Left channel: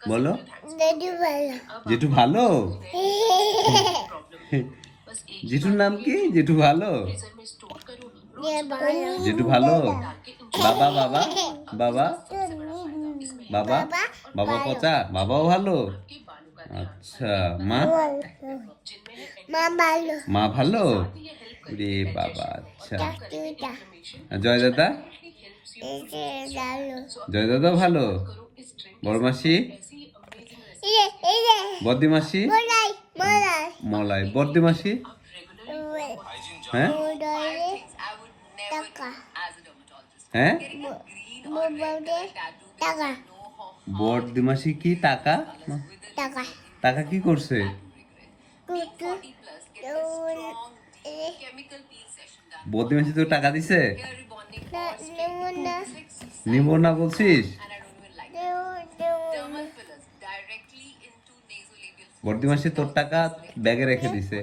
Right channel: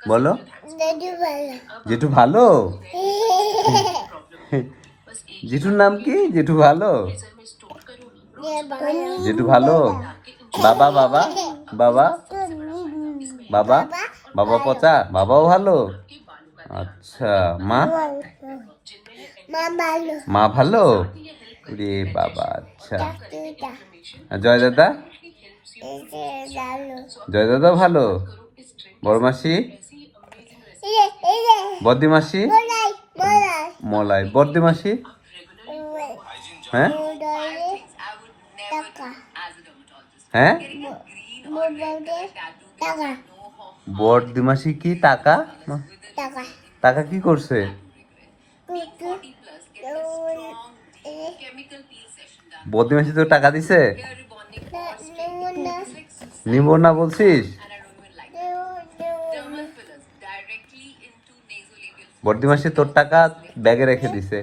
বলো জেঠু ভালো জেঠু ভালো জেঠুর নাম কি জেঠু ভালো জেঠু ভালো বাবা বাবা বাবা বাবা বাবা পচা বাবাও ভালো আচ্ছা মা মা ভালো মা ভালো রে বাবা আচ্ছা চাচুটা আর জয় দাদা এসে ভালো জয় দাদা ভালো বড় মাসি এই বদ্দি মাসি মলাই মলাই মলাই বদ্দি মাসি হ্যাঁ মোবাইলে টাকা হ্যাঁ মোবাইলে টাকা বদ্দি মাসি কি টাকা টাকা টাকা কি করছে কুকু বদ্দি মাসি তো টাকা দিছে নেমুনা নিব না বলছিস বদ্দি মাসি তোর টাকা ব্যাগে রেখে দিছে